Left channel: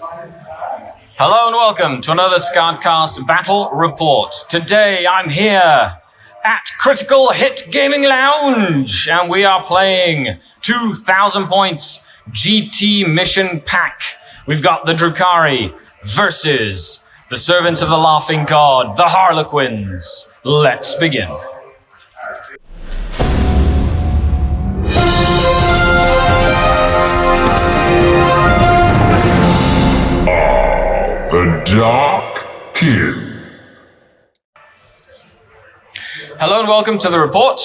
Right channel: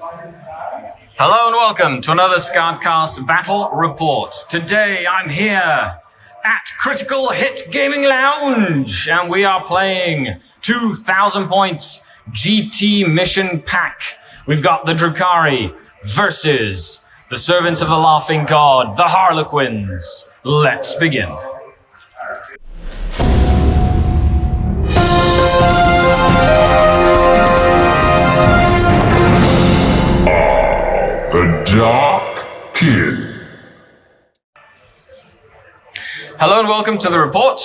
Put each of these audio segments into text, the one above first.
Hello and welcome to another SkaredCast Battle Report. Today I'm here at Critical Hit Gaming Lounge and we are playing 2,000 points GT Mission Pack. We've got the Drukari versus the Servants of the Laughing God, the Harlequins. Let's begin. The Dark Kid. Hello and welcome to the report.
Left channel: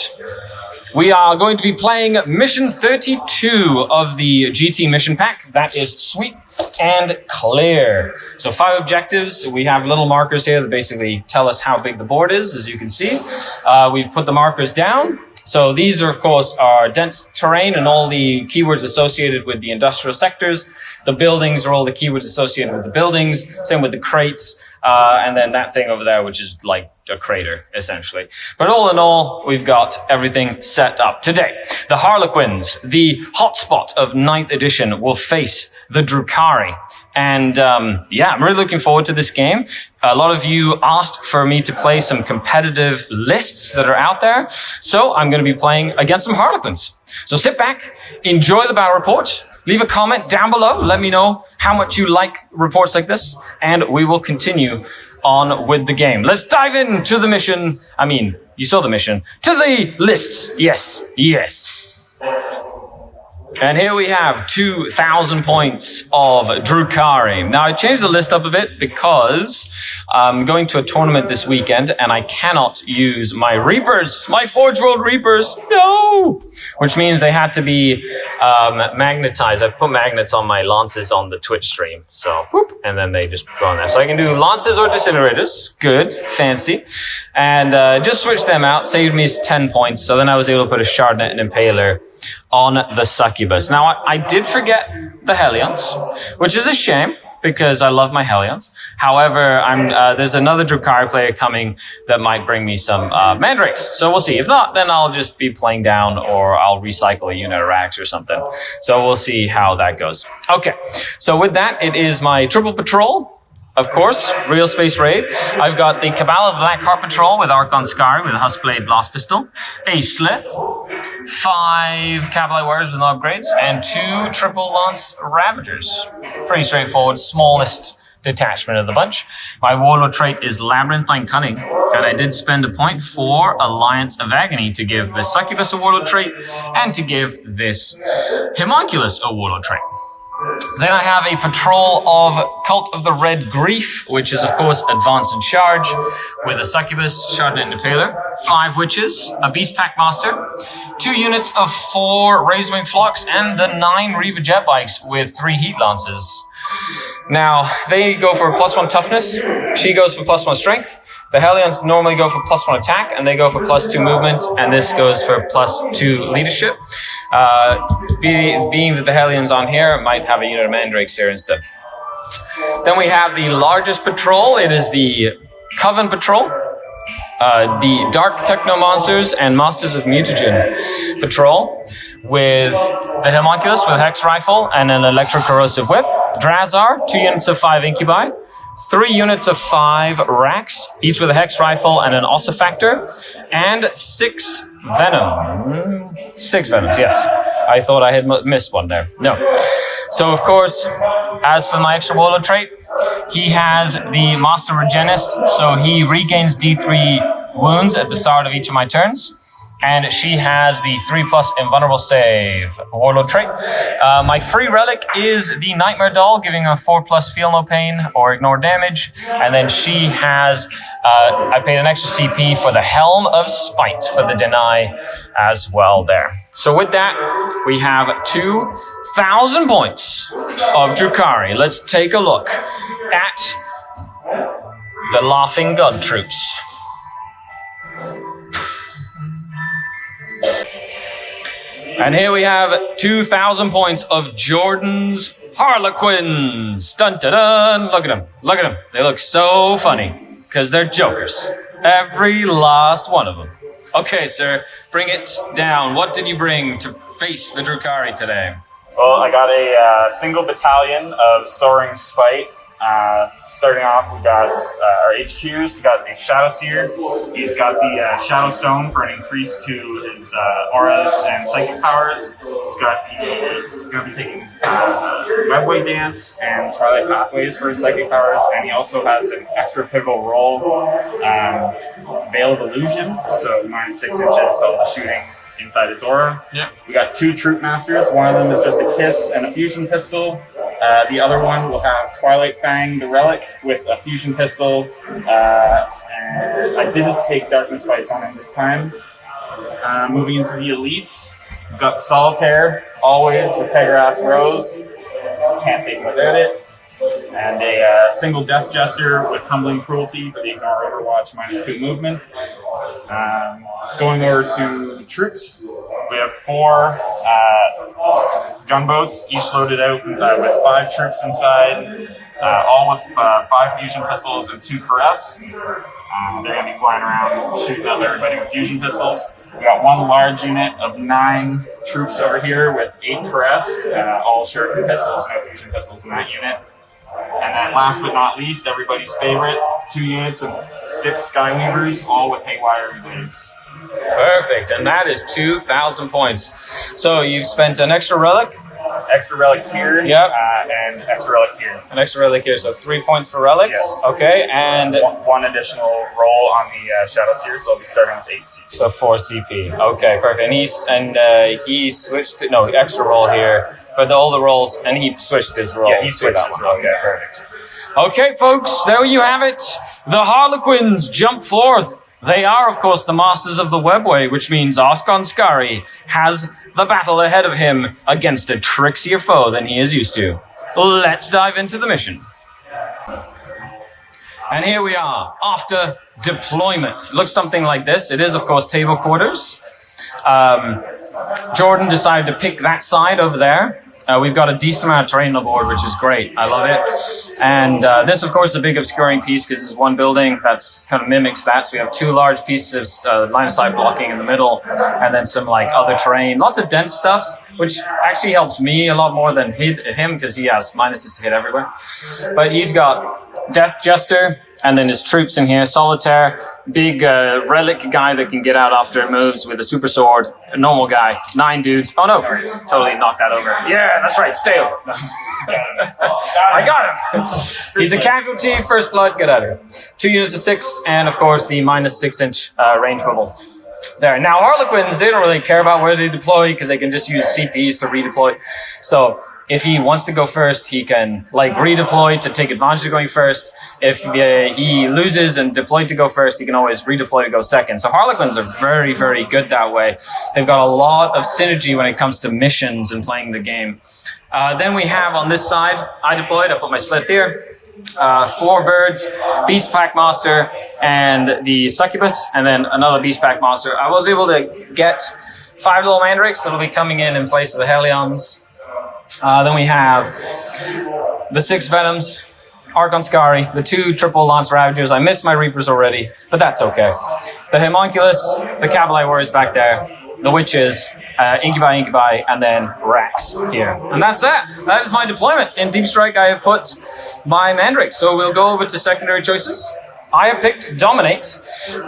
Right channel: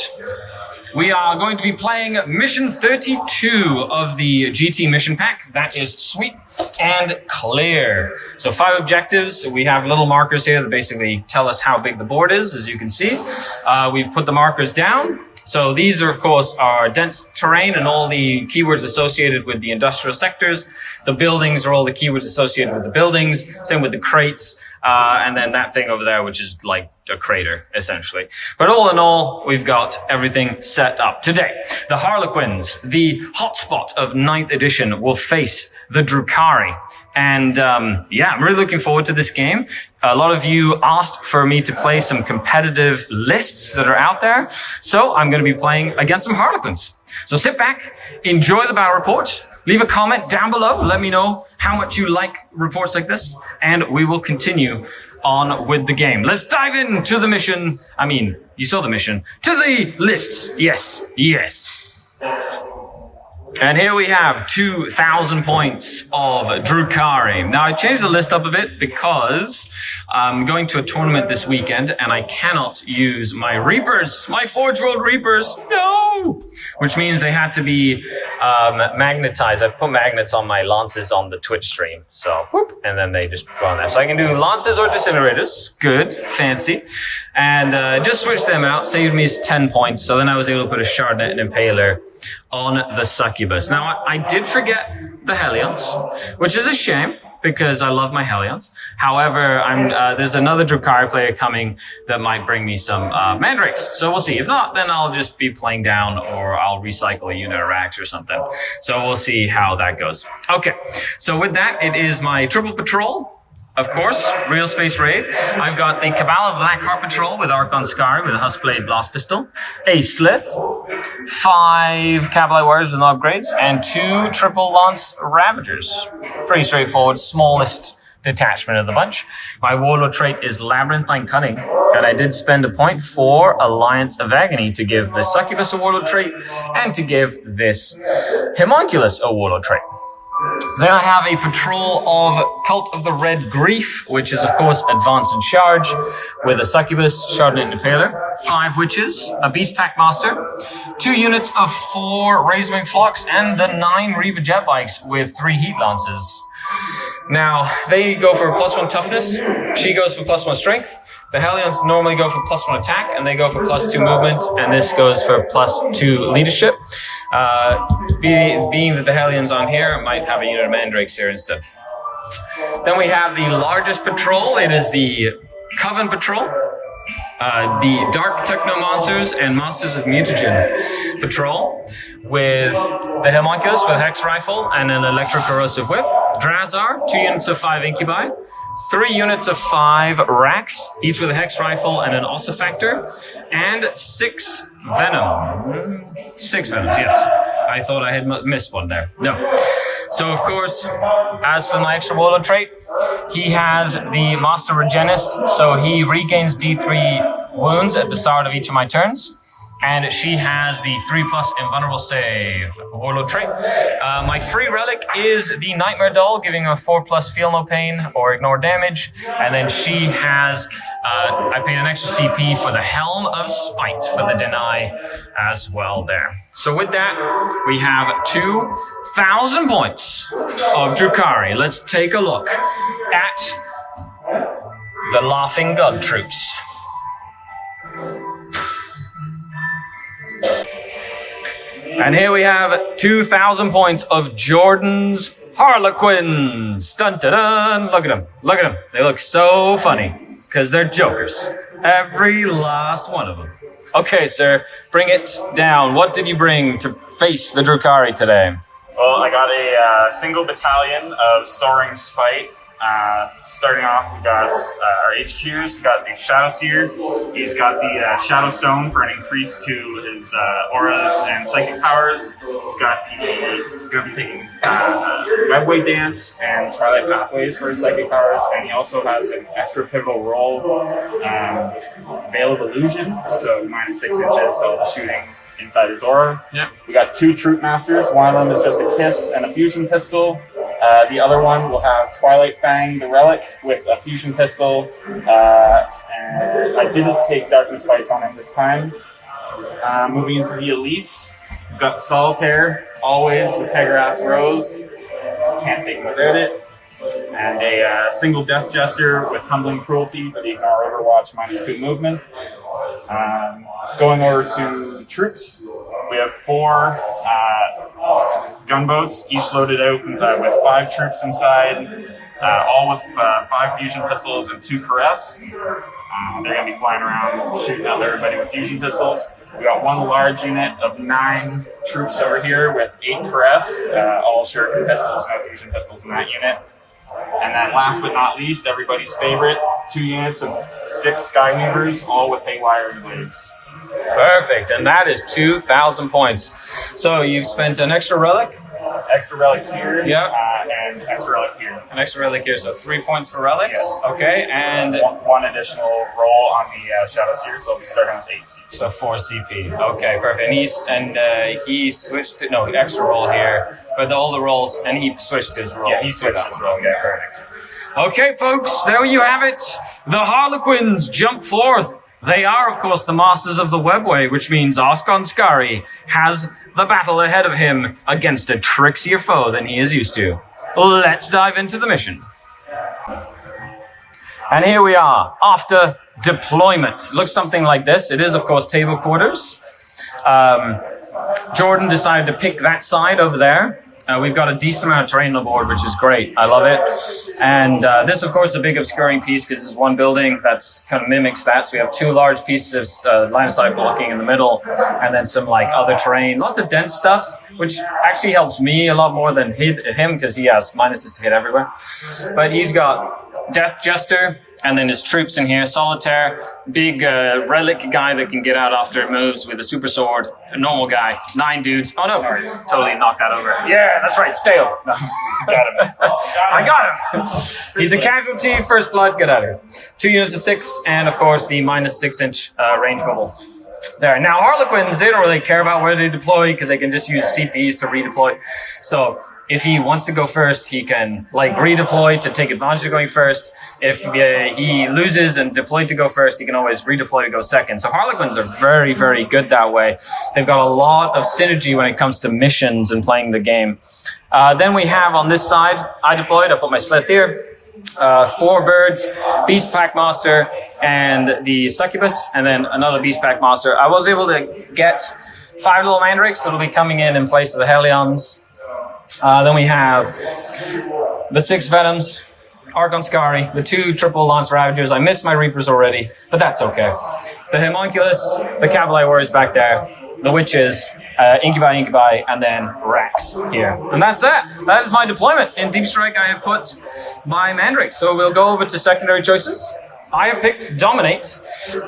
We are going to be playing Mission 32 of the GT Mission Pack. That is sweep and clear. So 5 objectives. We have little markers here that basically tell us how big the board is, as you can see. We've put the markers down. So these are, of course, our dense terrain and all the keywords associated with the industrial sectors. The buildings are all the keywords associated with the buildings. Same with the crates. And then that thing over there, which is like a crater, essentially. But all in all, we've got everything set up. Today, the Harlequins, the hotspot of 9th edition, will face the Drukhari. And yeah, I'm really looking forward to this game. A lot of you asked for me to play some competitive lists that are out there. So I'm going to be playing against some Harlequins. So sit back, enjoy the battle report, leave a comment down below. Let me know how much you like reports like this, and we will continue on with the game. Let's dive into the mission. I mean, you saw the mission. To the lists. Yes, yes. And here we have 2,000 points of Drukari. Now, I changed the list up a bit because I'm going to a tournament this weekend and I cannot use my Reapers, my Forge World Reapers. No! Which means they had to be magnetized. I put magnets on my lances on the Twitch stream. So, whoop, and then they just go on there. So I can do lances or disintegrators. Good, fancy. And just switch them out, saved me 10 points. So then I was able to put a Shardnet and Impaler on the Succubus. Now, I did forget the Hellions, which is a shame because I love my Hellions. However, there's another Drukari player coming that might bring me some Mandrakes. So we'll see. If not, then I'll just be playing down or I'll recycle a unit of Rax or something. So we'll see how that goes. Okay, so with that, it is my triple patrol. Of course, Real Space Raid. I've got the Cabal of Black Heart Patrol with Archon Skari with a Huskblade Blast Pistol, a Slith, 5 Cavalry Warriors with no upgrades, and 2 Triple Lance Ravagers. Pretty straightforward, smallest detachment of the bunch. My Warlord trait is Labyrinthine Cunning, and I did spend a point for Alliance of Agony to give the Succubus a Warlord trait and to give this Homunculus a Warlord trait. Then I have a patrol of Cult of the Red Grief, which is, of course, Advance and Charge, with a Succubus, Shardnet, and Impaler, 5 Witches, a Beast Pack Master, 2 units of 4 Razorwing Flocks, and the 9 Reva Jet Bikes with 3 Heat Lances. Now, they go for +1 toughness, she goes for +1 strength. The Hellions normally go for +1 attack, and they go for +2 movement, and this goes for +2 leadership. Being that the Hellions on here might have a unit of Mandrakes here instead. Then we have the largest patrol. It is the Coven Patrol. The Dark Techno Monsters and Masters of Mutagen Patrol with the Homunculus with Hex Rifle and an Electro-Corrosive Whip. Drazar, 2 units of 5 Incubi. 3 units of 5 Rax, each with a Hex Rifle and an Ossifactor, and 6 Venom. 6 Venoms, yes. I thought I had missed one there. No. So, of course, as for my extra Warlord trait, he has the Master Regenist, so he regains D3 wounds at the start of each of my turns. And she has the 3+ invulnerable save Warlord trait. My free relic is the Nightmare Doll, giving her 4+ feel no pain or ignore damage. And then she has, I paid an extra CP for the Helm of Spite for the deny as well there. So with that, we have 2,000 points of Drukari. Let's take a look at the Laughing God troops. And here we have 2,000 points of Jordan's Harlequins. Dun dun dun. Look at them. Look at them. They look so funny because they're jokers. Every last one of them. Okay, sir, bring it down. What did you bring to face the Drukari today? Well, I got a single battalion of Soaring Spite. Starting off, we got our HQs. We got the Shadow Seer. He's got the Shadow Stone for an increase to his auras and psychic powers. He's got the going to be taking Webway Dance and Twilight Pathways for his psychic powers, and he also has an extra pivotal role, Veil of Illusion, so minus 6 inches of shooting inside his aura. Yeah. We got 2 Troop Masters. One of them is just a Kiss and a Fusion Pistol. The other one will have Twilight Fang, the Relic, with a Fusion Pistol. And I didn't take Darkness Bites on him this time. Moving into the Elites, we've got Solitaire, always with Tegrass Rose. Can't take it without it. And a single Death Jester with Humbling Cruelty for the Ignore Overwatch minus 2 movement. Going over to troops, we have 4 gunboats, each loaded out with 5 troops inside, all with 5 fusion pistols and 2 caress. They're going to be flying around shooting at everybody with fusion pistols. We got 1 large unit of 9 troops over here with 8 caress, all shuriken pistols, no fusion pistols in that unit. And then last but not least, everybody's favorite, 2 units of 6 Skyweavers, all with Haywire and Waves. Perfect, and that is 2,000 points. So you've spent an extra relic? Extra relic here, Yep. And extra relic here. An extra relic here, so 3 points for relics. Yes. Okay, and 1 additional roll on the Shadow Seer, so I'll be starting with 8 CP. so 4 CP. Okay, perfect. And he switched to, no, extra roll here, but all the rolls, and he switched his roll. Yeah, he switched to that his one. roll. Okay, perfect. Okay, folks, there you have it. The Harlequins jump forth. They are, of course, the masters of the webway, which means Skari has the battle ahead of him against a trixier foe than he is used to. Let's dive into the mission. And here we are, after deployment. Looks something like this. It is, of course, table quarters. Jordan decided to pick that side over there. We've got a decent amount of terrain on the board, which is great. I love it. And this, of course, is a big obscuring piece because this is one building that's kind of mimics that. So we have 2 large pieces of line of sight blocking in the middle, and then some like other terrain. Lots of dense stuff, which actually helps me a lot more than him because he has minuses to hit everywhere. But he's got Death Jester, and then his troops in here, Solitaire, big relic guy that can get out after it moves with a super sword, a normal guy, 9 dudes. Oh no, totally knocked that over. Yeah, that's right, stay over. No. I got him. He's a casualty, first blood, get out of here. 2 units of 6, and of course the minus 6 inch range bubble. There. Now, Harlequins, they don't really care about where they deploy because they can just use CPs to redeploy. So if he wants to go first, he can like redeploy to take advantage of going first. If he loses and deployed to go first, he can always redeploy to go second. So Harlequins are very, very good that way. They've got a lot of synergy when it comes to missions and playing the game. Then we have on this side, I deployed, I put my Slith here. 4 birds, Beast Pack Master, and the Succubus, and then another Beast Pack Master. I was able to get 5 little mandrakes that'll be coming in place of the Harlequins. Then we have the 6 Venoms, Skari, the 2 triple Lance Ravagers. I missed my Reapers already, but that's okay. The Homunculus, the Cavalry Warriors back there, the Witches, Incubi, and then Rax here. And that's that. That is my deployment. In Deep Strike, I have put my Mandrakes. So we'll go over to secondary choices. I have picked Dominate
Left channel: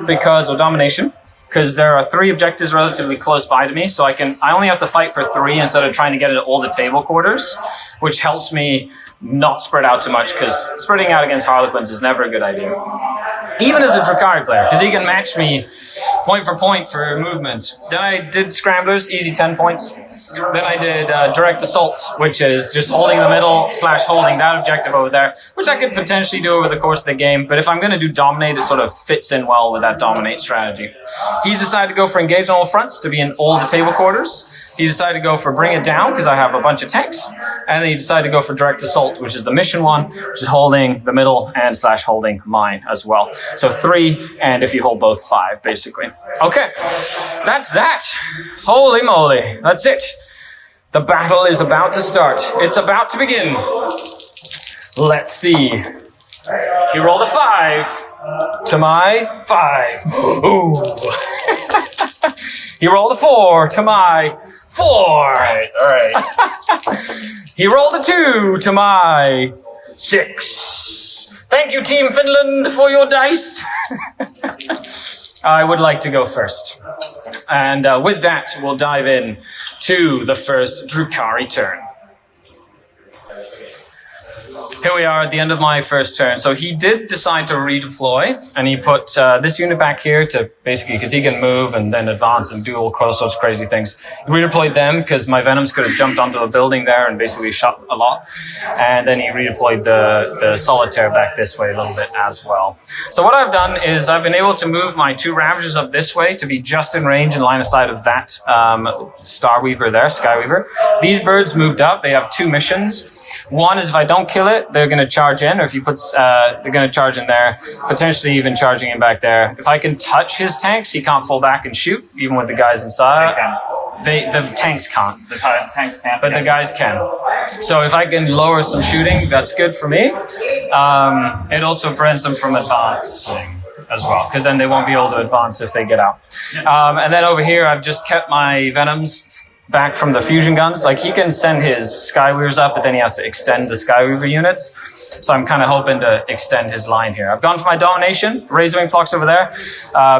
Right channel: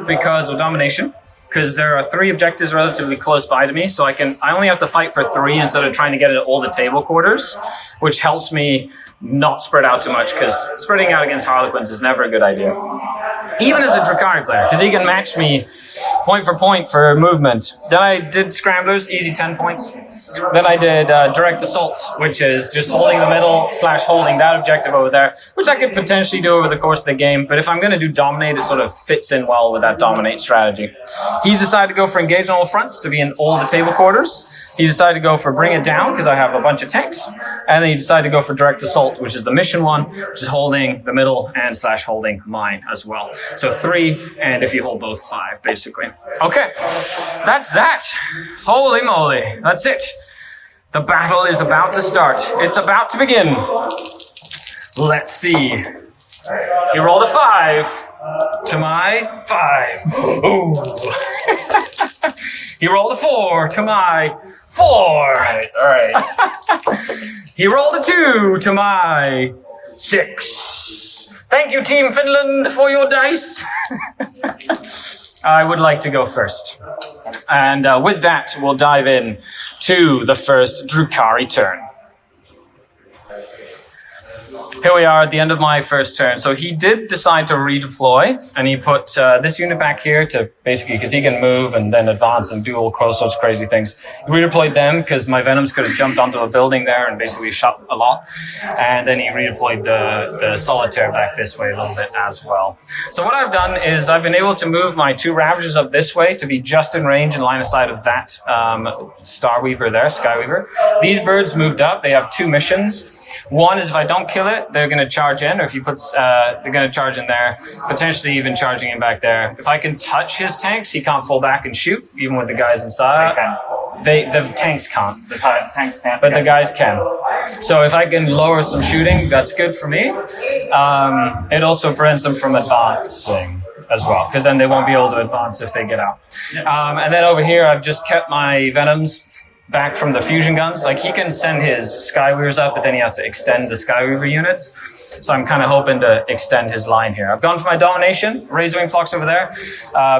because of Domination. Because there are 3 objectives relatively close by to me, so I only have to fight for 3 instead of trying to get it all the table quarters, which helps me not spread out too much, because spreading out against Harlequins is never a good idea. Even as a Drukhari player, because he can match me point for point for movement. Then I did Scramblers, easy 10 points. Then I did Direct Assault, which is just holding the middle / holding that objective over there, which I could potentially do over the course of the game, but if I'm going to do Dominate, it sort of fits in well with that Dominate strategy. He's decided to go for Engage on all fronts to be in all the table quarters. He decided to go for Bring It Down because I have a bunch of tanks. And then he decided to go for Direct Assault, which is the mission one, which is holding the middle and / holding mine as well. So 3, and if you hold both, 5, basically. Okay, that's that. Holy moly, that's it. The battle is about to start. It's about to begin. Let's see. He rolled a 5 to my 5. Ooh. He rolled a 4 to my 4. All right. He rolled a 2 to my 6. Thank you, Team Finland, for your dice. I would like to go first. And with that, we'll dive in to the first Drukhari turn. Here we are at the end of my first turn. So he did decide to redeploy, and he put this unit back here to basically, because he can move and then advance and do all sorts of crazy things. He redeployed them because my Venoms could have jumped onto a building there and basically shot a lot. And then he redeployed the Solitaire back this way a little bit as well. So what I've done is I've been able to move my 2 Ravagers up this way to be just in range and line of sight of that Starweaver there, Skyweaver. These birds moved up. They have 2 missions. One is if I don't kill it, they're going to charge in, or if you put, they're going to charge in there, potentially even charging in back there. If I can touch his tanks, he can't fall back and shoot, even with the guys inside. The tanks can't. The tanks can't. But the guys can. So if I can lower some shooting, that's good for me. It also prevents them from advancing as well, because then they won't be able to advance if they get out. And then over here, I've just kept my Venoms back from the fusion guns. Like, he can send his Skyweavers up, but then he has to extend the Skyweaver units. So I'm kind of hoping to extend his line here. I've gone for my Domination, Razorwing Flux over there,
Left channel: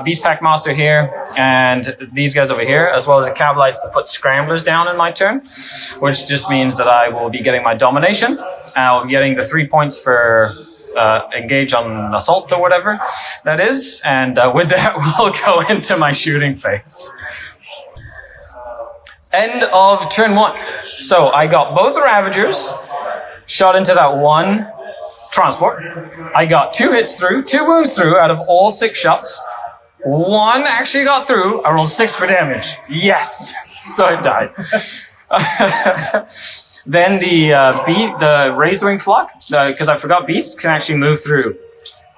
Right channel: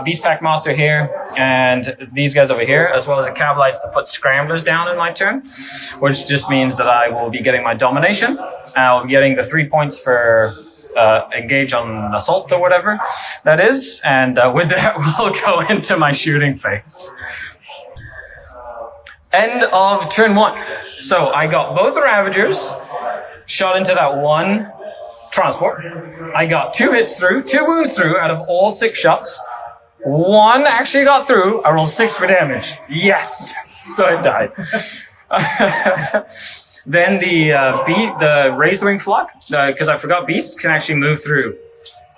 Beast Pack Master here, and these guys over here, as well as the Cabalites to put Scramblers down in my turn, which just means that I will be getting my Domination. I'll be getting the 3 points for engage on assault or whatever that is. And with that, we'll go into my shooting phase. End of turn 1. So I got both the Ravagers, shot into that one transport. I got 2 hits through, 2 wounds through out of all 6 shots. 1 actually got through. I rolled 6 for damage. Yes! So it died. Then the Razorwing Flock, because I forgot Beasts can actually move through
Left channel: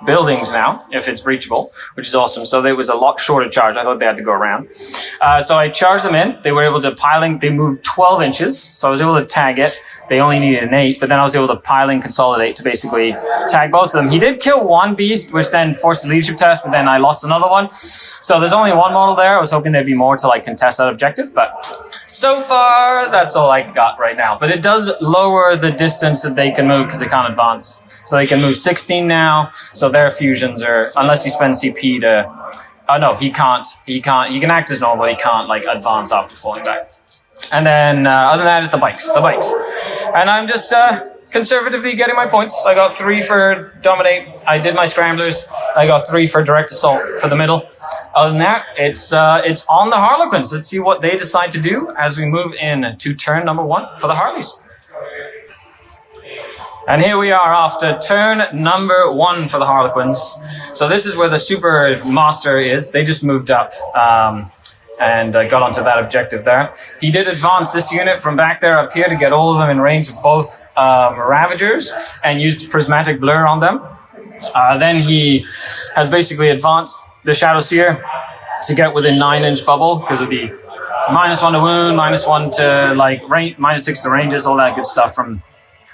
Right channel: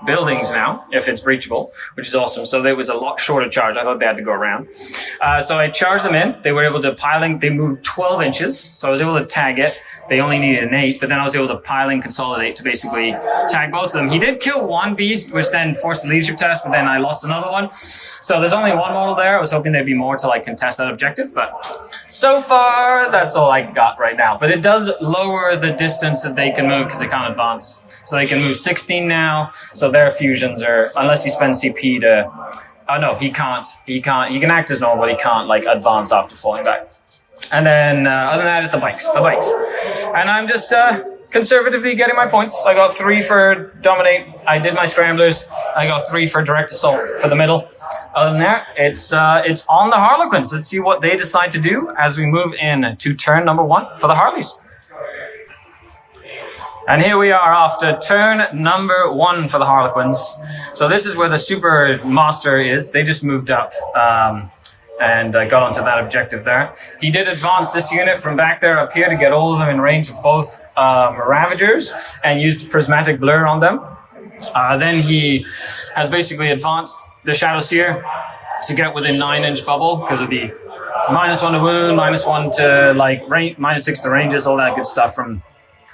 buildings now, if it's breachable, which is awesome. So there was a lot shorter charge. I thought they had to go around. So I charged them in. They were able to piling. They moved 12 inches. So I was able to tag it. They only needed an 8, but then I was able to piling consolidate to basically tag both of them. He did kill 1 beast, which then forced a leadership test, but then I lost another one. So there's only 1 model there. I was hoping there'd be more to like contest that objective, but so far that's all I got right now. But it does lower the distance that they can move because they can't advance. So they can move 16 now. So their fusions are, unless he spends CP to, oh no, he can't. He can act as normal, but he can't like advance after falling back. And then other than that is the bikes. And I'm just conservatively getting my points. I got 3 for Dominate. I did my Scramblers. I got 3 for Direct Assault for the middle. Other than that, it's on the Harlequins. Let's see what they decide to do as we move in to turn number 1 for the Harleys. And here we are after turn number 1 for the Harlequins. So this is where the Super Master is. They just moved up and got onto that objective there. He did advance this unit from back there up here to get all of them in range of both Ravagers and used Prismatic Blur on them. Then he has basically advanced the Shadow Seer to get within 9-inch bubble, because it'd be -1 to wound, -1 to like range, -6 to ranges, all that good stuff from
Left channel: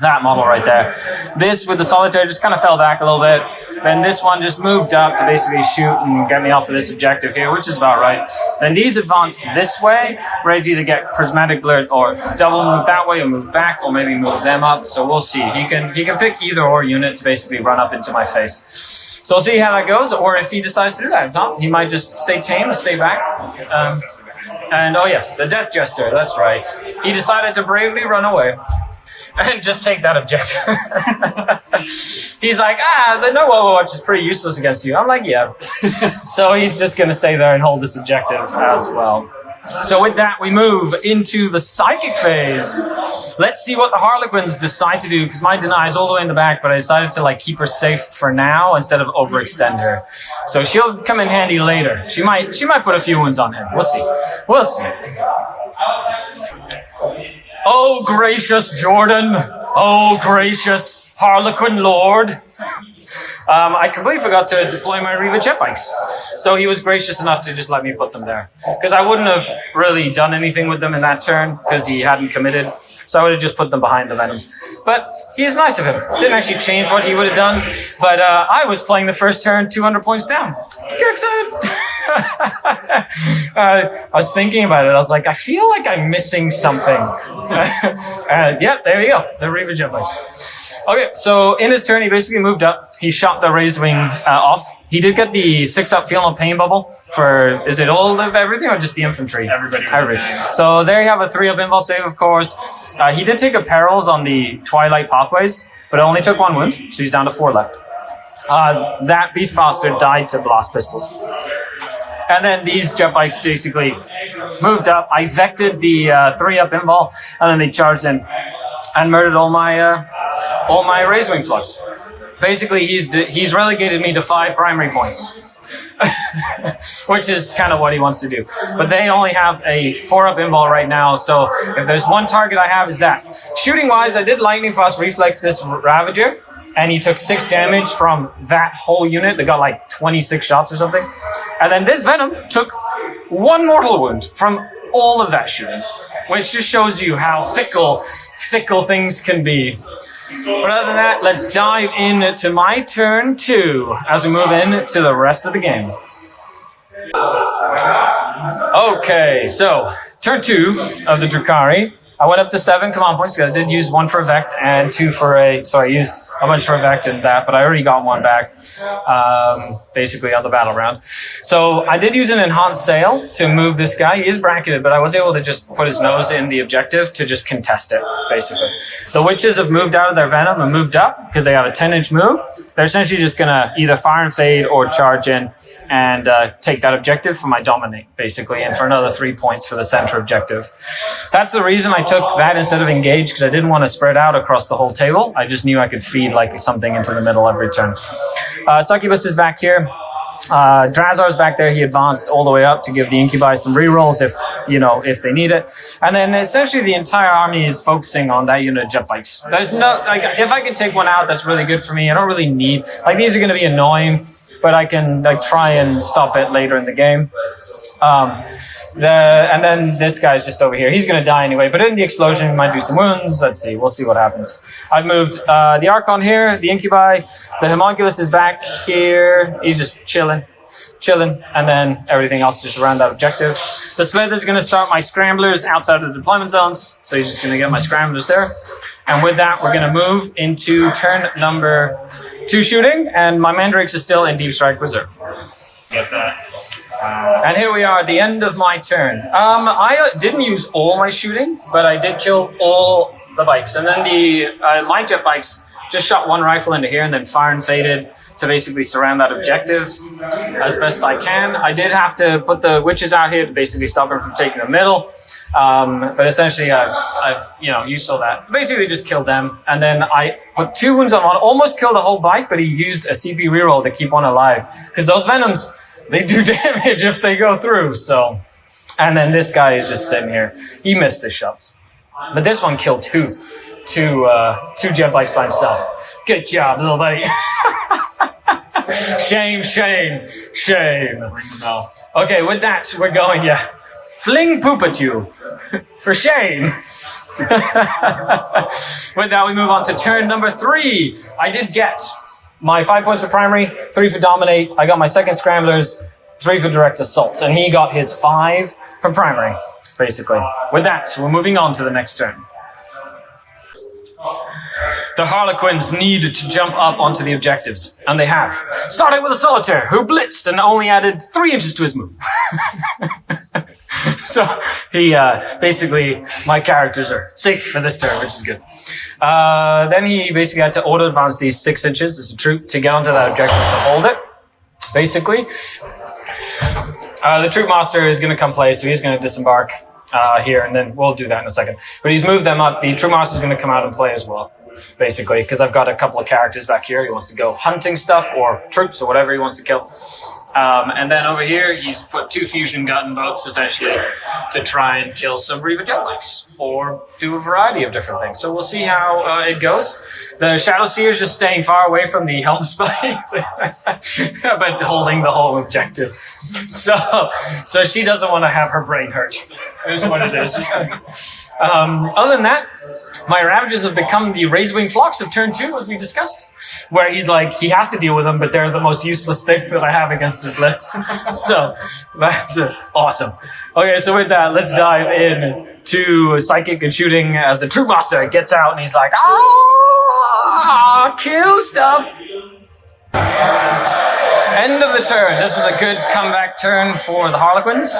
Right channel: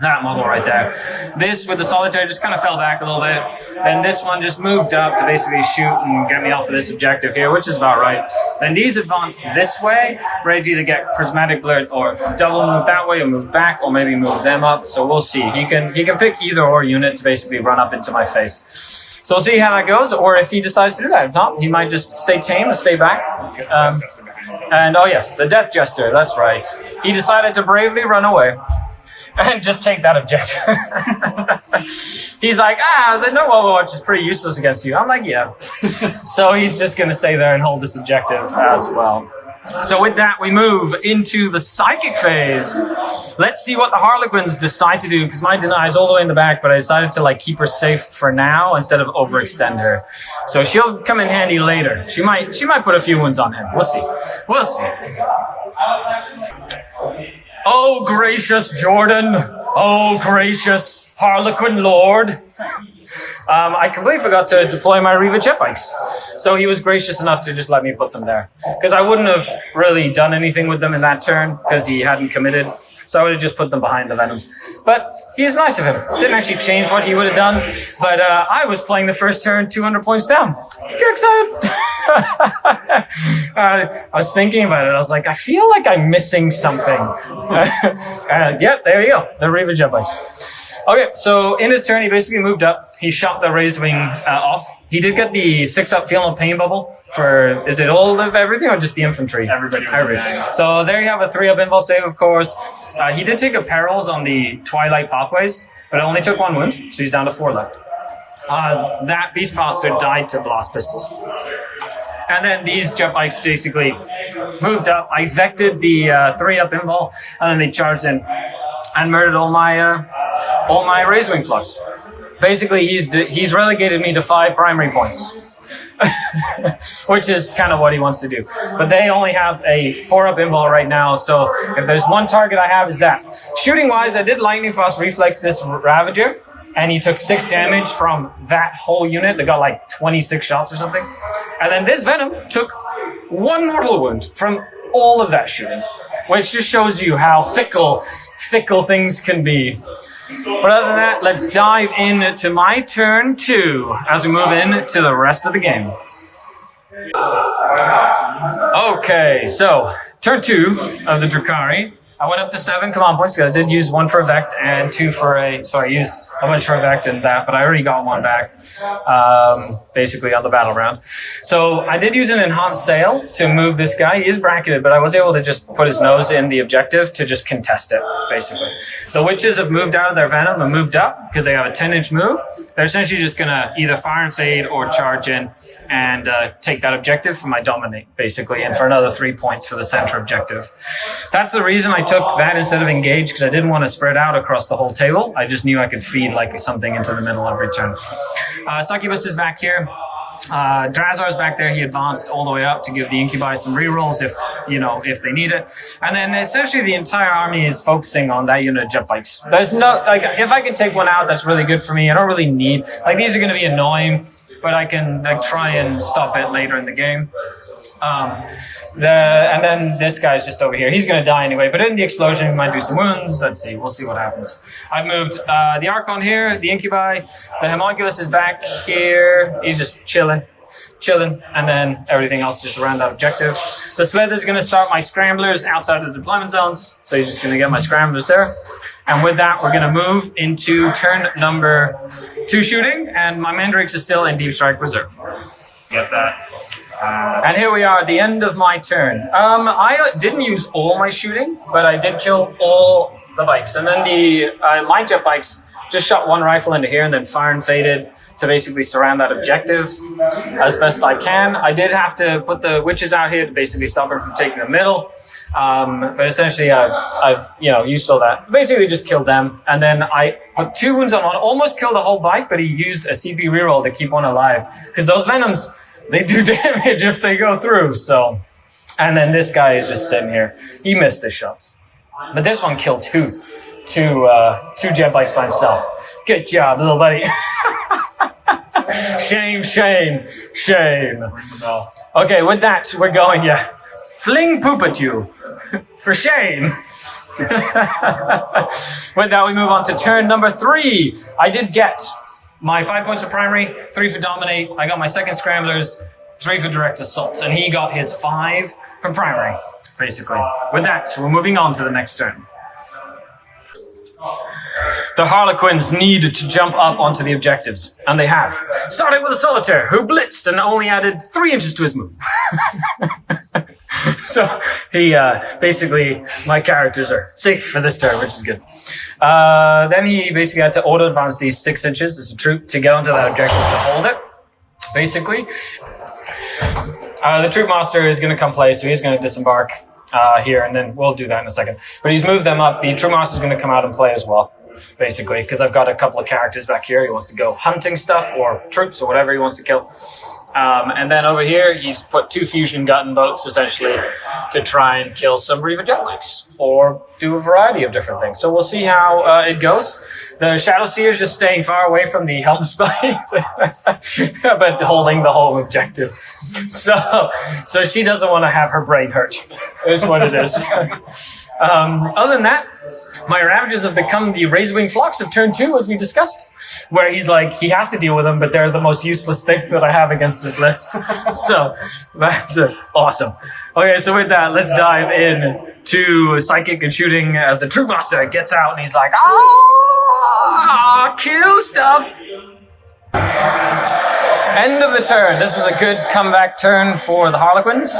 that model right there. This with the Solitaire just kind of fell back a little bit. Then this one just moved up to basically shoot and get me off of this objective here, which is about right. Then these advanced this way, ready to either get Prismatic Blur or double move that way or move back or maybe move them up. So we'll see. He can pick either or unit to basically run up into my face. So we'll see how that goes, or if he decides to do that. If not, he might just stay tame and stay back. And oh yes, the Death Jester, that's right. He decided to bravely run away and just take that objective. He's like, the no Overwatch is pretty useless against you. I'm like, yeah. So he's just going to stay there and hold this objective as well. So with that, we move into the Psychic phase. Let's see what the Harlequins decide to do, because my deny is all the way in the back, but I decided to like keep her safe for now instead of overextend her. So she'll come in handy later. She might put a few wounds on him. We'll see. Oh, gracious Jordan. Oh, gracious Harlequin Lord. I completely forgot to deploy my Reva jet bikes. So he was gracious enough to just let me put them there. Because I wouldn't have really done anything with them in that turn, because he hadn't committed. So I would have just put them behind the Venoms. But he's nice of him. Didn't actually change what he would have done. But I was playing the first turn 200 points down. Get excited. I was thinking about it. I was like, I feel like I'm missing something. Yeah, there you go. The Reaver jet bikes. Okay, so in his turn, he basically moved up. He shot the Razor Wing off. He did get the 6-up Feel No Pain bubble for, is it all of everything or just the infantry? Everybody. So there you have a 3-up invul save, of course. He did take a perils on the Twilight Pathways, but it only took 1 wound, so he's down to 4 left. That Beast Bastard died to blast pistols. And then these jet bikes basically moved up. I vected the 3-up invul, and then they charged in and murdered all my Razor Wing flux. Basically, he's relegated me to 5 primary points, which is kind of what he wants to do. But they only have a 4-up invul right now, so if there's one target I have is that. Shooting-wise, I did Lightning Fast Reflex this Ravager, and he took 6 damage from that whole unit. They got like 26 shots or something. And then this Venom took 1 mortal wound from all of that shooting, which just shows you how fickle things can be. But other than that, let's dive into my turn 2 as we move into the rest of the game. Okay, so turn 2 of the Drukhari. I went up to 7 command points because I did use 1 for a Vect and 2 for I used a bunch for a Vect and that, but I already got 1 back, basically on the battle round. So I did use an enhanced sail to move this guy. He is bracketed, but I was able to just put his nose in the objective to just contest it, basically. The witches have moved out of their venom and moved up because they have a 10-inch move. They're essentially just going to either fire and fade or charge in and take that objective for my dominate, basically, and for another 3 points for the center objective. That's the reason I took that instead of engage, because I didn't want to spread out across the whole table. I just knew I could feed like something into the middle every turn. Succubus is back here. Drazar's back there. He advanced all the way up to give the Incubi some rerolls if they need it. And then essentially the entire army is focusing on that unit of jet bikes. There's no, if I can take one out, that's really good for me. I don't really need, these are going to be annoying, but I can try and stop it later in the game. And then this guy's just over here. He's going to die anyway, but in the explosion, he might do some wounds. Let's see. We'll see what happens. I've moved the Archon here, the Incubi. The Homunculus is back here. He's just chilling, and then everything else just around that objective. The Slither's going to start my Scramblers outside of the deployment zones, so he's just going to get my Scramblers there. And with that, we're going to move into turn number 2 shooting, and my Mandrakes is still in Deep Strike Reserve. Get that. And here we are at the end of my turn. I didn't use all my shooting, but I did kill all the bikes. And then my jet bikes just shot 1 rifle into here and then fire and faded to basically surround that objective as best I can. I did have to put the witches out here to basically stop him from taking the middle. But essentially you saw that. Basically just killed them. And then I put 2 wounds on one, almost killed the whole bike, but he used a CP reroll to keep one alive. Because those Venoms, they do damage if they go through, so. And then this guy is just sitting here. He missed his shots. But this one killed two jet bikes by himself. Good job, little buddy. Shame. Okay, with that, we're going, fling poop at you. For shame. With that, we move on to turn number 3. I did get my 5 points of primary, 3 for dominate. I got my second Scramblers, 3 for direct assault. And he got his 5 from primary, basically. With that, we're moving on to the next turn. The Harlequins needed to jump up onto the objectives, and they have. Starting with a Solitaire, who blitzed and only added 3 inches to his move. So he basically, my characters are safe for this turn, which is good. Then he basically had to auto advance these 6 inches as a troop to get onto that objective to hold it, basically. The troop master is going to come play, so he's going to disembark here, and then we'll do that in a second. But he's moved them up. The troop master is going to come out and play as well, basically, because I've got a couple of characters back here. He wants to go hunting stuff or troops or whatever he wants to kill. And then over here, he's put 2 fusion gunboats, essentially, to try and kill some Reaver jetbikes or do a variety of different things. So we'll see how it goes. The Shadow Seer is just staying far away from the Helm Spite, but holding the whole objective. So she doesn't want to have her brain hurt, is what it is. Other than that, my Ravagers have become the Razorwing Flocks of turn 2, as we discussed, where he's like, he has to deal with them, but they're the most useless thing that I have against this list. So that's awesome. Okay, so with that, let's dive in to Psychic and Shooting as the Troop Master gets out and he's like, kill stuff. End of the turn. This was a good comeback turn for the Harlequins.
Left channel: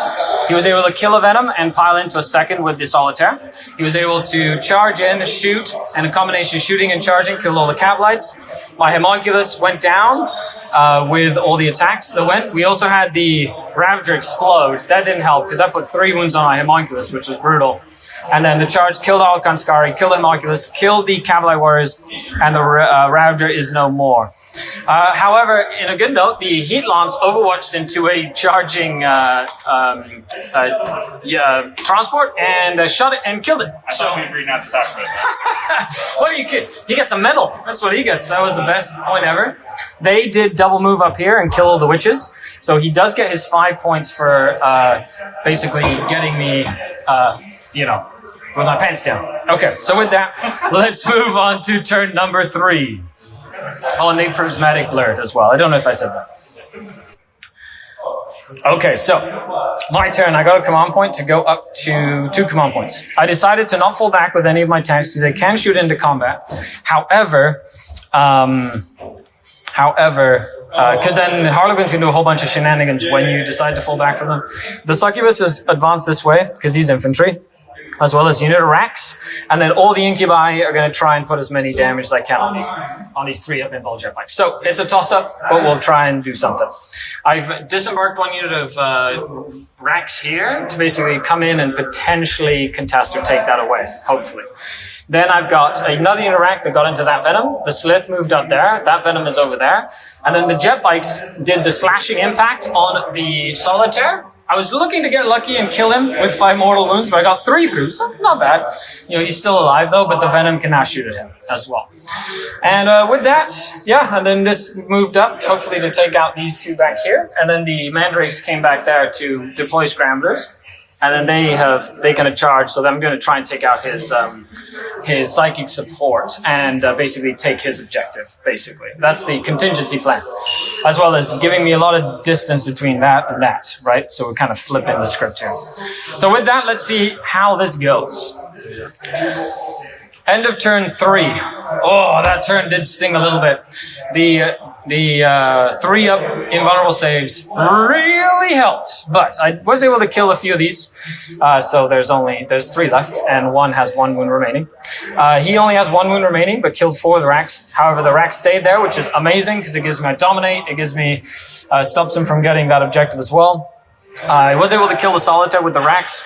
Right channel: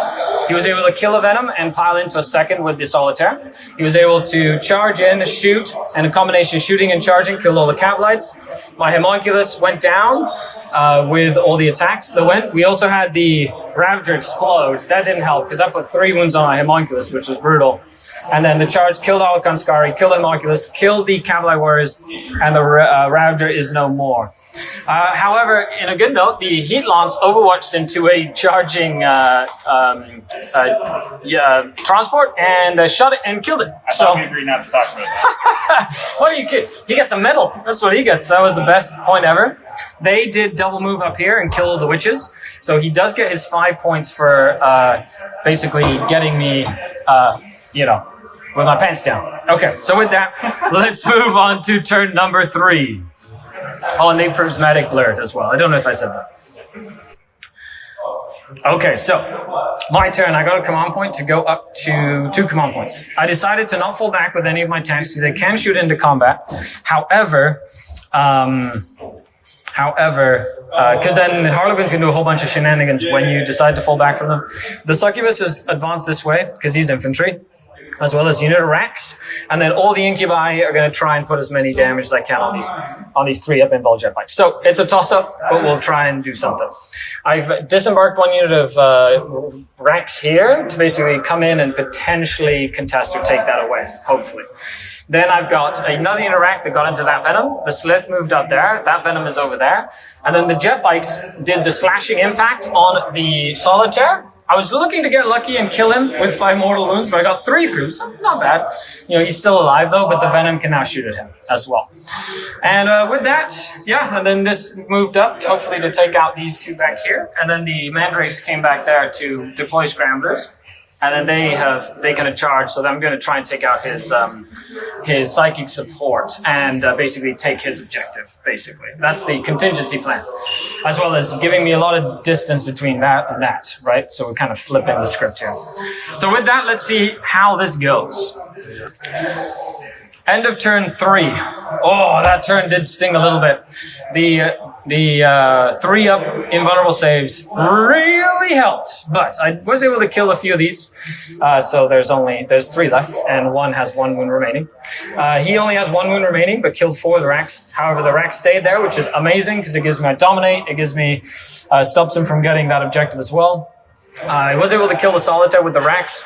He was able to kill a Venom and pile into a second with the Solitaire. He was able to charge in, shoot, and a combination of shooting and charging killed all the Cavalites. My Homunculus went down with all the attacks that went. We also had the Ravager explode. That didn't help because that put 3 wounds on my Homunculus, which was brutal. And then the charge killed Harlequin Skari, killed the Homunculus, killed the Cavalry Warriors, and the Ravager is no more. However, in a good note, the Heat Lance overwatched into a charging transport and shot it and killed it. I thought we agreed not to talk about it. What are you kidding? He gets a medal. That's what he gets. That was the best point ever. They did double move up here and kill the witches. So he does get his 5 points for basically getting me, with my pants down. Okay, so with that, let's move on to turn number 3. Oh, and they prismatic blurred as well. I don't know if I said that. Okay, so my turn. I got a command point to go up to 2 command points. I decided to not fall back with any of my tanks because they can shoot into combat. However, because then Harlequins can do a whole bunch of shenanigans when you decide to fall back from them. The Succubus is advanced this way because he's infantry, as well as unit of racks, and then all the incubi are going to try and put as many damage as I can on these 3 up-involved jet bikes. So it's a toss-up, but we'll try and do something. I've disembarked 1 unit of racks here to basically come in and potentially contest or take that away, hopefully. Then I've got another unit of rack that got into that Venom. The Slith moved up there. That Venom is over there. And then the jet bikes did the slashing impact on the Solitaire. I was looking to get lucky and kill him with 5 mortal wounds, but I got 3 through, so not bad. He's still alive though, but the Venom can now shoot at him as well. And with that, and then this moved up, hopefully to take out these 2 back here. And then the Mandrakes came back there to deploy Scramblers. And then they can charge, so I'm going to try and take out his psychic support and basically take his objective, basically. That's the contingency plan, as well as giving me a lot of distance between that and that, right? So we're kind of flipping the script here. So with that, let's see how this goes. End of turn 3. Oh, that turn did sting a little bit. The 3 up invulnerable saves really helped, but I was able to kill a few of these. So there's 3 left, and 1 has 1 wound remaining. He only has 1 wound remaining, but killed 4 of the racks. However, the racks stayed there, which is amazing because it gives me a dominate. It gives me stops him from getting that objective as well. I was able to kill the Solitaire with the racks.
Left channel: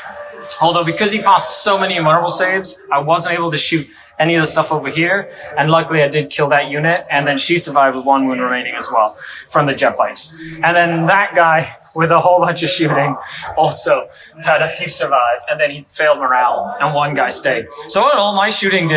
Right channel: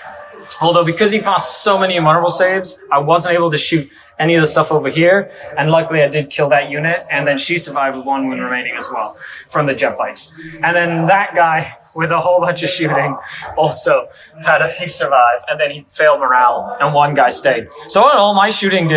Although because he passed so many invulnerable saves, I wasn't able to shoot any of the stuff over here. And luckily I did kill that unit. And then she survived with 1 wound remaining as well from the jet bikes. And then that guy with a whole bunch of shooting also had a few survive. And then he failed morale and 1 guy stayed. So in all, my shooting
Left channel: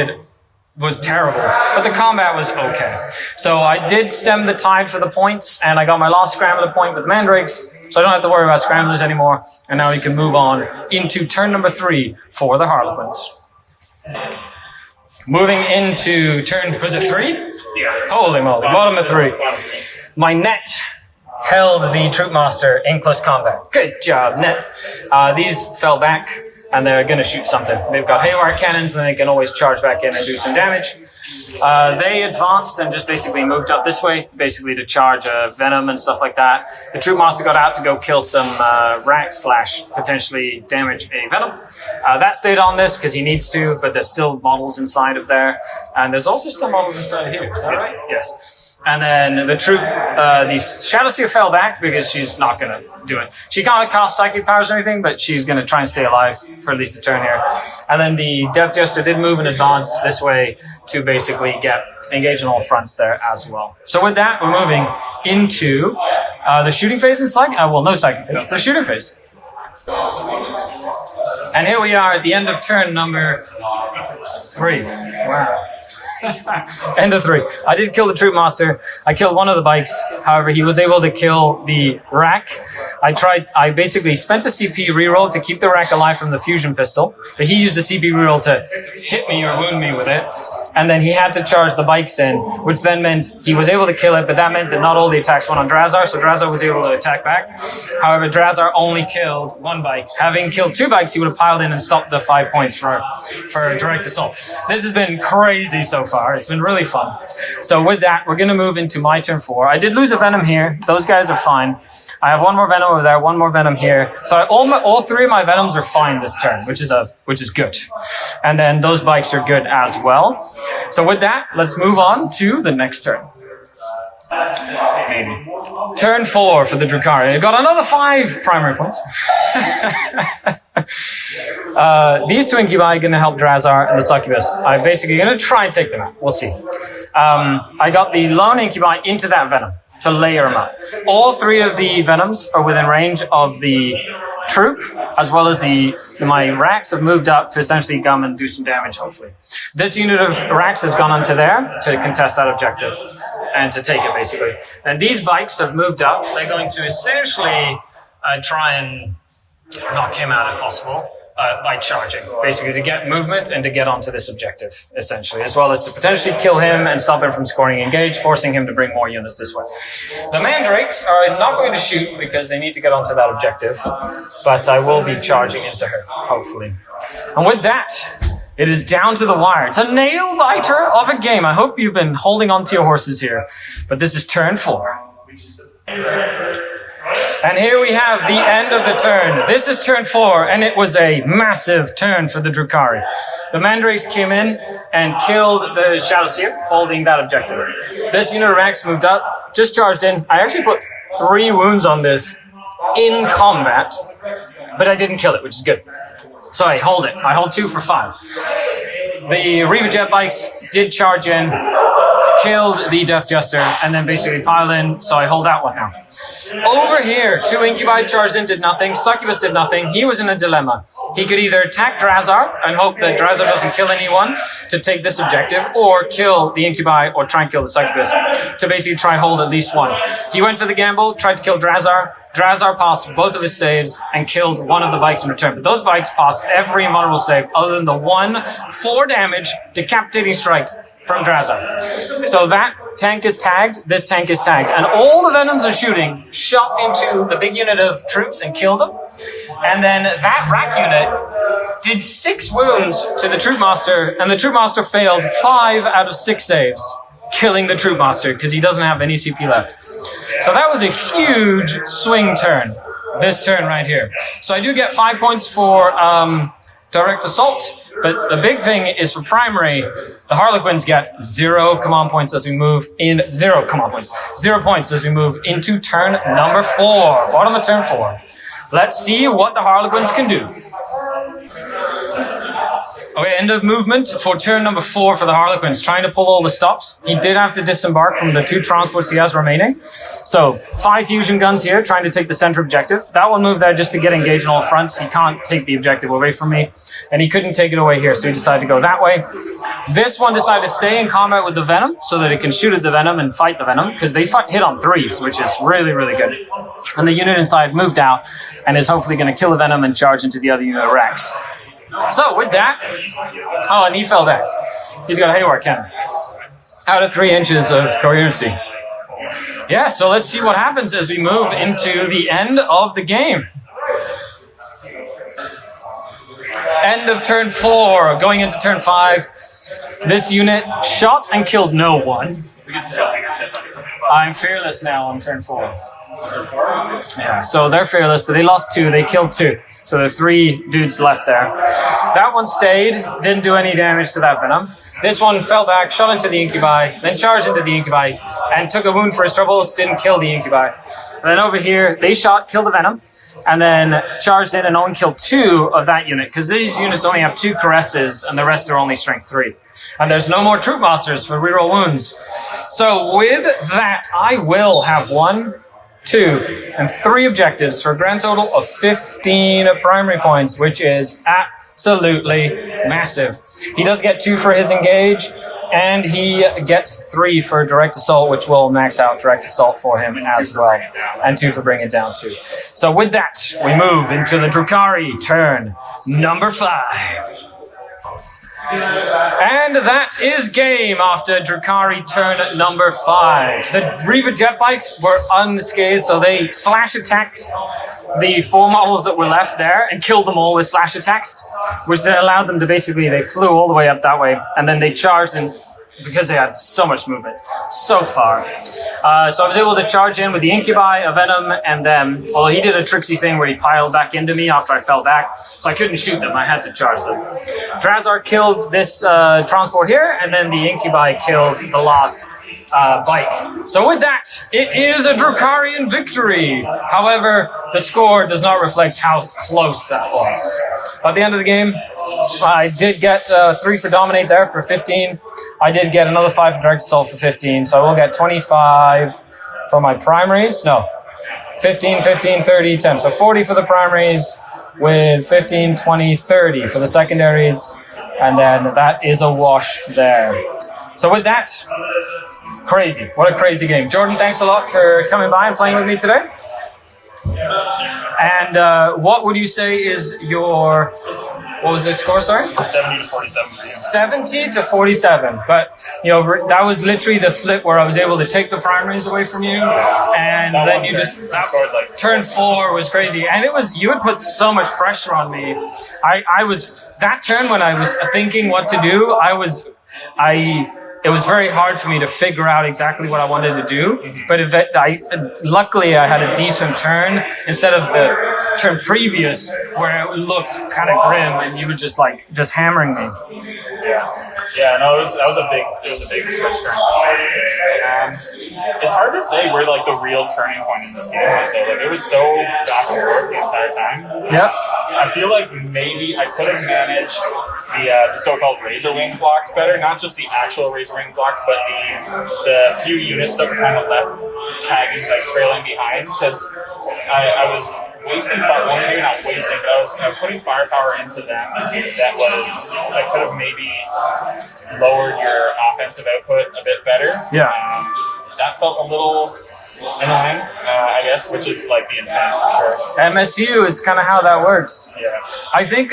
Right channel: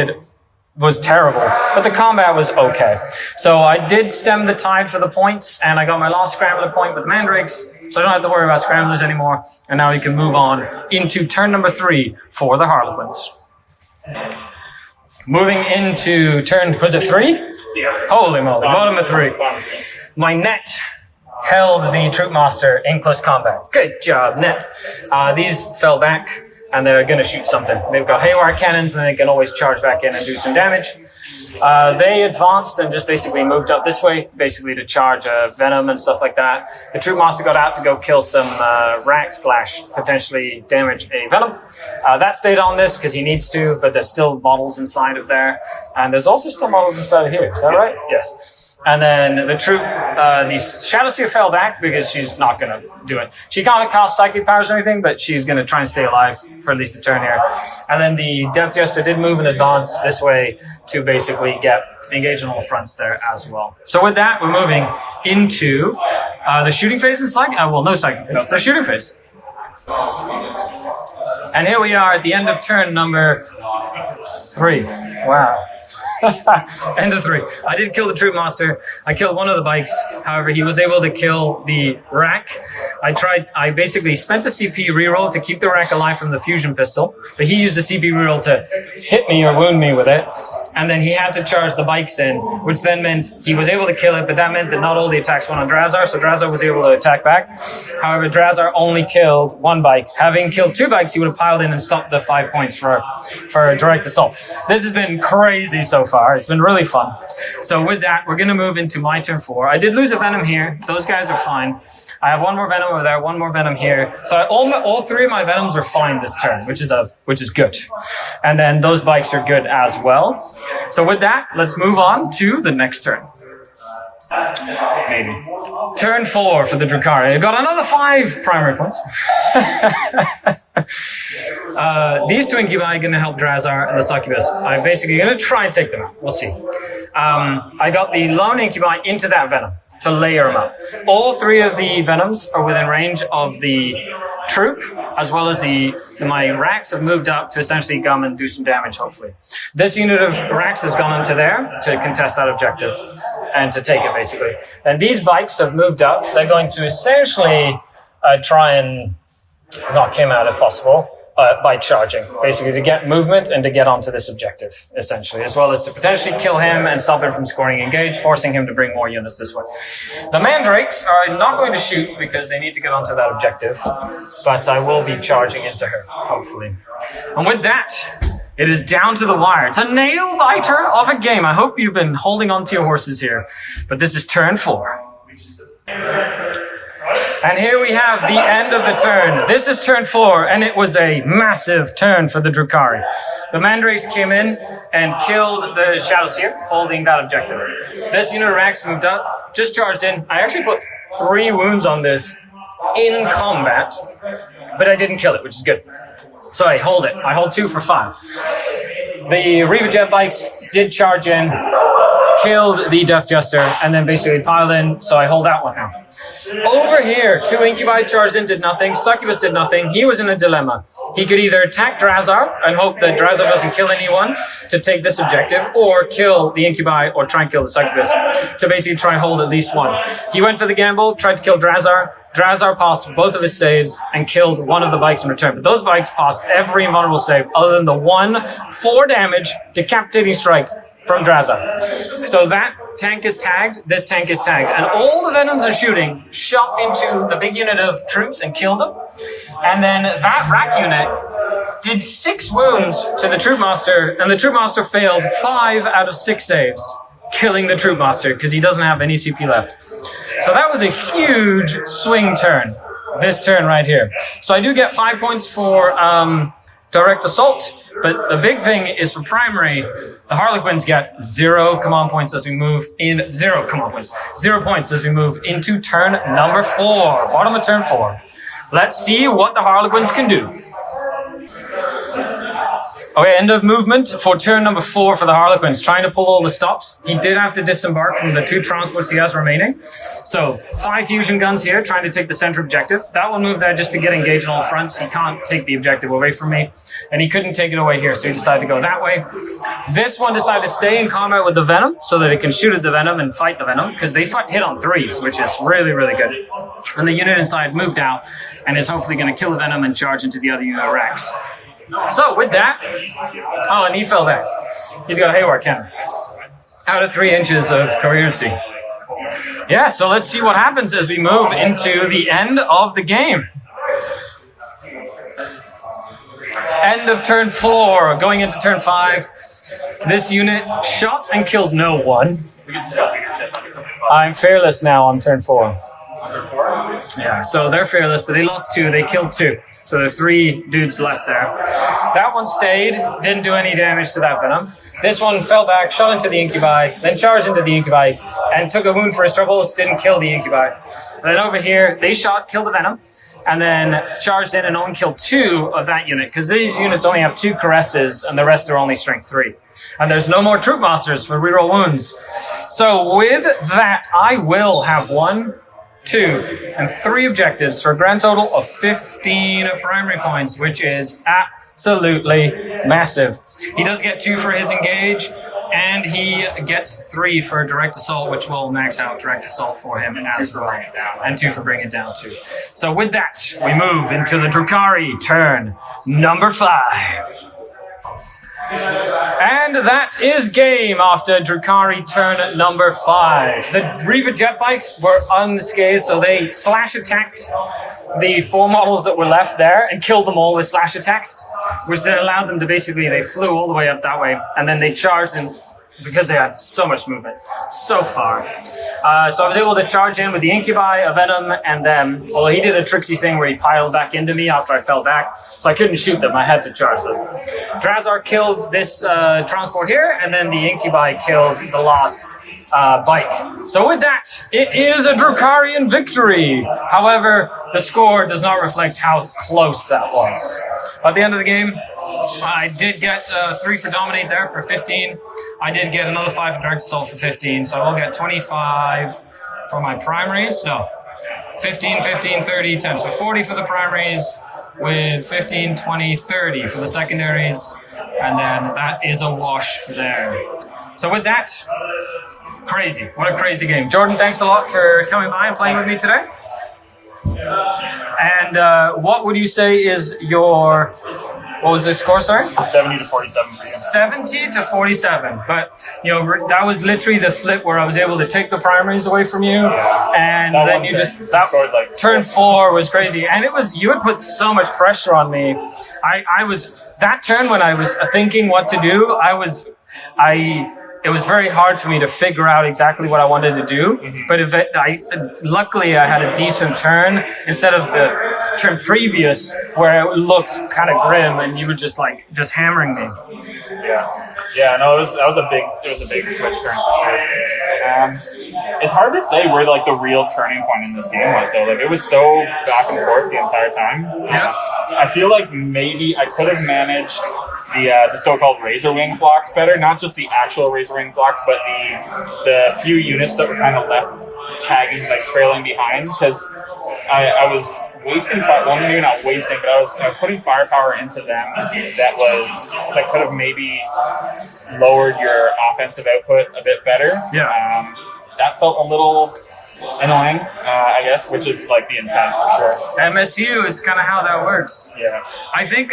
was terrible, but the combat was okay. So I did stem the tide for the points, and I got my last Scrambler point with Mandrakes. So I don't have to worry about Scramblers anymore. And now we can move on into turn number 3 for the Harlequins. Moving into turn, was it 3? Yeah. Holy moly, bottom of 3. My net held the Troop Master in close combat. Good job, net. These fell back, and they're going to shoot something. They've got haywire cannons, and they can always charge back in and do some damage. They advanced and just basically moved up this way, basically to charge Venom and stuff like that. The Troop Master got out to go kill some racks / potentially damage a Venom. That stayed on this because he needs to, but there's still models inside of there. And there's also still models inside of here. Is that right? Yes. And then the Shadowseer fell back because she's not going to do it. She can't cast psychic powers or anything, but she's going to try and stay alive for at least a turn here. And then the Death Jester did move in advance this way to basically engage on all fronts there as well. So with that, we're moving into the shooting phase in psychic. No psychic phase. The shooting phase. And here we are at the end of turn number 3. Wow. End of 3. I did kill the troop master. I killed one of the bikes. However, he was able to kill the rack. I basically spent a CP reroll to keep the rack alive from the fusion pistol, but he used the CP reroll to hit me or wound me with it. And then he had to charge the bikes in, which then meant he was able to kill it, but that meant that not all the attacks went on Drazar, so Drazar was able to attack back. However, Drazar only killed 1 bike. Having killed 2 bikes, he would have piled in and stopped the 5 points for direct assault. This has been crazy so far. It's been really fun. So with that, we're going to move into my turn 4. I did lose a Venom here. Those guys are fine. I have 1 more Venom over there, 1 more Venom here. So all 3 of my Venoms are fine this turn, which is good. And then those bikes are good as well. So with that, let's move on to the next turn. Maybe. Turn 4 for the Drukhari. I got another 5 primary points. These 2 Incubi are going to help Drazar and the Succubus. I'm basically going to try and take them out. We'll see. I got the lone Incubi into that Venom to layer them up. All 3 of the Venoms are within range of the troop, as well as my racks have moved up to essentially come and do some damage, hopefully. This unit of racks has gone onto there to contest that objective and to take it, basically. And these bikes have moved up. They're going to essentially try and knock him out if possible. By charging, basically to get movement and to get onto this objective, essentially, as well as to potentially kill him and stop him from scoring engage, forcing him to bring more units this way. The Mandrakes are not going to shoot because they need to get onto that objective, but I will be charging into her, hopefully. And with that, it is down to the wire. It's a nail-biter of a game. I hope you've been holding on to your horses here, but this is turn 4. And here we have the end of the turn. This is turn 4, and it was a massive turn for the Drukhari. The Mandrakes came in and killed the Shadowseer, holding that objective. This unit of Rax moved up, just charged in. I actually put 3 wounds on this in combat, but I didn't kill it, which is good. So I hold it. I hold 2 for 5. The Reaver Jet bikes did charge in, killed the Death Jester, and then basically piled in, so I hold that one now. Over here, 2 Incubi charged in, did nothing. Succubus did nothing. He was in a dilemma. He could either attack Drazar and hope that Drazar doesn't kill anyone to take this objective, or kill the Incubi or try and kill the Succubus to basically try hold at least 1. He went for the gamble, tried to kill Drazar. Drazar passed both of his saves and killed 1 of the bikes in return. But those bikes passed every invulnerable save other than the 1 4 damage decapitating strike from Drazar. So that tank is tagged, this tank is tagged, and all the Venoms are shooting shot into the big unit of troops and killed them. And then that rack unit did 6 wounds to the Troop Master, and the Troop Master failed 5 out of 6 saves, killing the Troop Master because he doesn't have any CP left. So that was a huge swing turn, this turn right here. So I do get 5 points for direct assault, but the big thing is for primary, the Harlequins get 0 command points as we move in, 0 command points, 0 points as we move into turn number 4, bottom of turn 4. Let's see what the Harlequins can do. Okay, end of movement for turn number 4 for the Harlequins, trying to pull all the stops. He did have to disembark from the 2 transports he has remaining. So 5 fusion guns here, trying to take the center objective. That one moved there just to get engaged on all fronts. He can't take the objective away from me, and he couldn't take it away here, so he decided to go that way. This one decided to stay in combat with the Venom so that it can shoot at the Venom and fight the Venom, because they hit on 3s, which is really, really good. And the unit inside moved out and is hopefully going to kill the Venom and charge into the other unit of Rex. So with that, oh, and he fell back. He's got a Hayward cannon. Out of 3 inches of coherency. Yeah, so let's see what happens as we move into the end of the game. End of turn 4, going into turn 5. This unit shot and killed no one. I'm fearless now on turn 4. Yeah, so they're fearless, but they lost 2, they killed 2. So there's 3 dudes left there. That one stayed, didn't do any damage to that Venom. This one fell back, shot into the Incubi, then charged into the Incubi, and took a wound for his troubles, didn't kill the Incubi. And then over here, they shot, killed the Venom, and then charged in and only killed 2 of that unit, because these units only have 2 caresses, and the rest are only strength 3. And there's no more Troop Masters for reroll wounds. So with that, I will have 1, 2, and 3 objectives for a grand total of 15 primary points, which is absolutely massive. He does get 2 for his engage, and he gets 3 for direct assault, which will max out direct assault for him as well, and 2 for bringing it down too. So with that, we move into the Drukhari turn number 5. And that is game after Drukhari turn number 5. The Reaver jet bikes were unscathed, so they slash attacked the 4 models that were left there and killed them all with slash attacks, which then allowed them to basically, they flew all the way up that way, and then they charged in because they had so much movement, so far. So I was able to charge in with the Incubi, a Venom, and then, although he did a tricksy thing where he piled back into me after I fell back, so I couldn't shoot them, I had to charge them. Drazar killed this transport here, and then the Incubi killed the last bike. So with that, it is a Drukharian victory. However, the score does not reflect how close that was. At the end of the game, I did get 3 for Dominate there for 15. I did get another 5 for Direct Assault for 15, so I will get 25 for my primaries. No, 15, 15, 30, 10. So 40 for the primaries with 15, 20, 30 for the secondaries, and then that is a wash there. So with that, crazy. What a crazy game. Jordan, thanks a lot for coming by and playing with me today. And what would you say is your... What was the score, sorry? 70 to 47. 70 to 47. But, you know, that was literally the flip where I was able to take the primaries away from you. And then you just, that turn 4 was crazy. And it was, you had put so much pressure on me. I was, that turn when I was thinking what to do, it was very hard for me to figure out exactly what I wanted to do. But luckily I had a decent turn instead of the turn previous where it looked kind of grim and you were just hammering me. Yeah, no, it was a big switch turn. It's hard to say where like the real turning point in this game was. So like it was so back and forth the entire time. Yeah. I feel like maybe I could have managed the so-called razor wing blocks better, not just the actual razor wing blocks, but the few units that were kind of left tagging, like trailing behind, because I was wasting fire. Well, maybe not wasting, but I was putting firepower into them that could have maybe lowered your offensive output a bit better. Yeah. That felt a little annoying, I guess, which is like the intent for sure. MSU is kind of how that works. Yeah. I think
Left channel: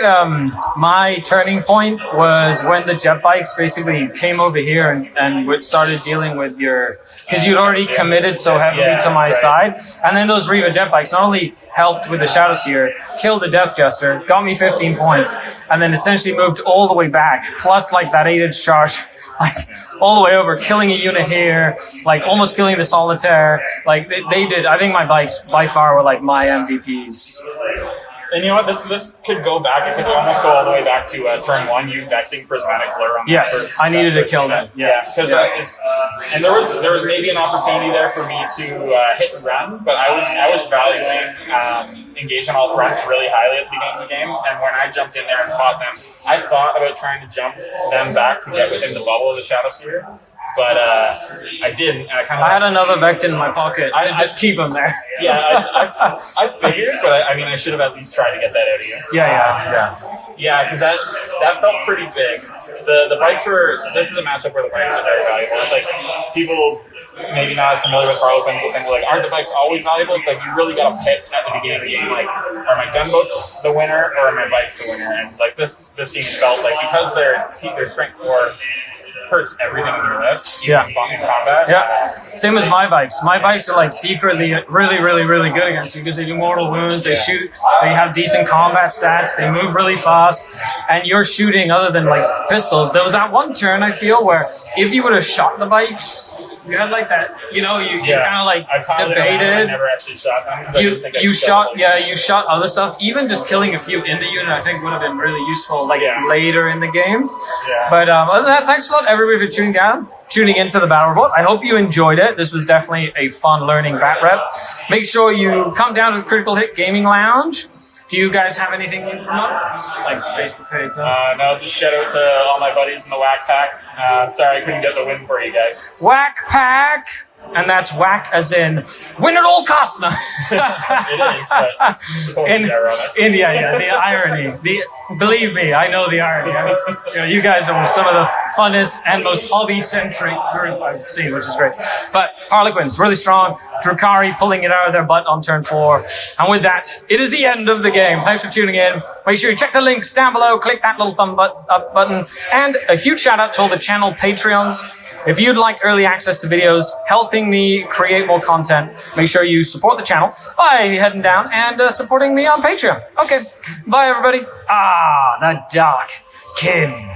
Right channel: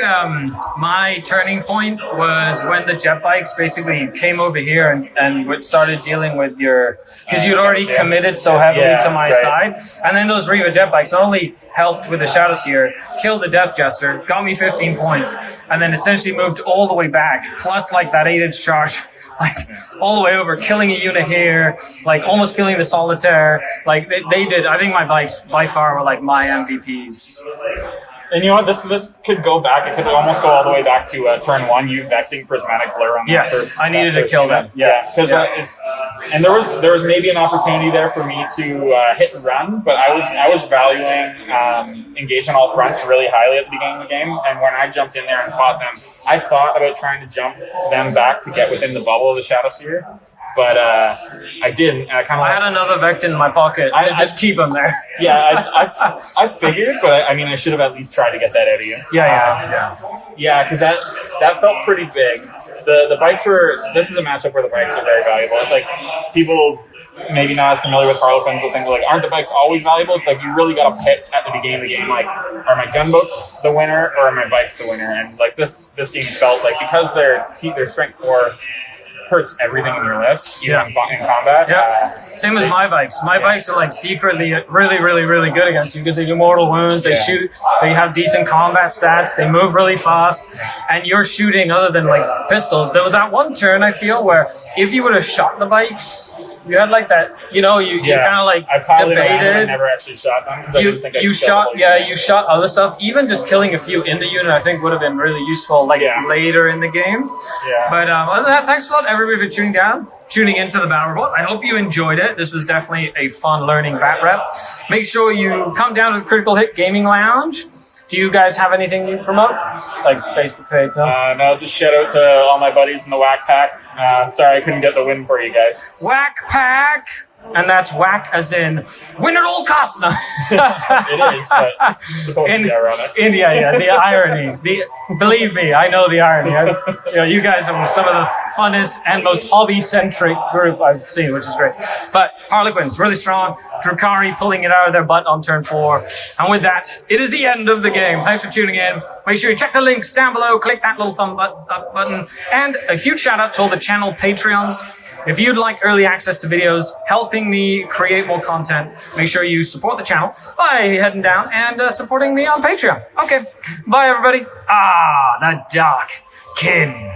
my turning point was when the jet bikes basically came over here and started dealing with your, because you'd already committed so heavily to my side, and then those Reva jet bikes not only helped with the Shadow Seer, killed the Death Jester, got me 15 points, and then essentially moved all the way back, plus like that 8-inch charge, like all the way over, killing a unit here, like almost killing the Solitaire. Like they did. I think my bikes by far were like my MVPs. And you know what? This could go back. It could almost go all the way back to turn 1. You vecting prismatic blur. Yes, I needed to kill them. Yeah, because and there was maybe an opportunity there for me to hit and run, but I was valuing engage on all fronts really highly at the beginning of the game. And when I jumped in there and fought them, I thought about trying to jump them back to get within the bubble of the Shadow Seer, but I didn't. I had another Vect in my pocket to just keep them there. Yeah, I figured, but I mean, I should have at least tried to get that out of you. Yeah, because that felt pretty big. The bikes were. This is a matchup where the bikes are very valuable. It's like people maybe not as familiar with Harlequins will think like, aren't the bikes always valuable? It's like you really got to pick at the beginning of the game. Like, are my gunboats the winner or are my bikes the winner? And like this game felt like because their strength 4 hurts everything in their list. In combat. Yeah. Same as my bikes. My bikes are like secretly really, really, really good against you because they do mortal wounds, they shoot, they have decent combat stats, they move really fast, and you're shooting other than like pistols. There was that one turn I feel where if you would have shot the bikes, you had like that, you kind of like debated. I never actually shot them. You shot other stuff. Even just killing a few in the unit, I think would have been really useful, later in the game. Yeah. But other than that, thanks a lot everybody for tuning into the Battle Report. I hope you enjoyed it. This was definitely a fun learning bat rep. Make sure you come down to the Critical Hit Gaming Lounge. Do you guys have anything you promote? Like Facebook page, no? No, just shout out to all my buddies in the Whack Pack. Sorry I couldn't get the win for you guys. Whack Pack! and that's whack as in win at all costs. No. It is, but it's supposed to be ironic. Yeah, the irony. Believe me, I know the irony. You guys are some of the funnest and most hobby-centric group I've seen, which is great. But Harlequins, really strong. Drukari pulling it out of their butt on turn 4. And with that, it is the end of the game. Thanks for tuning in. Make sure you check the links down below. Click that little thumb up button. And a huge shout out to all the channel Patreons. If you'd like early access to videos, helping me create more content, make sure you support the channel by heading down and supporting me on Patreon. Okay, bye everybody. The Dark Kin.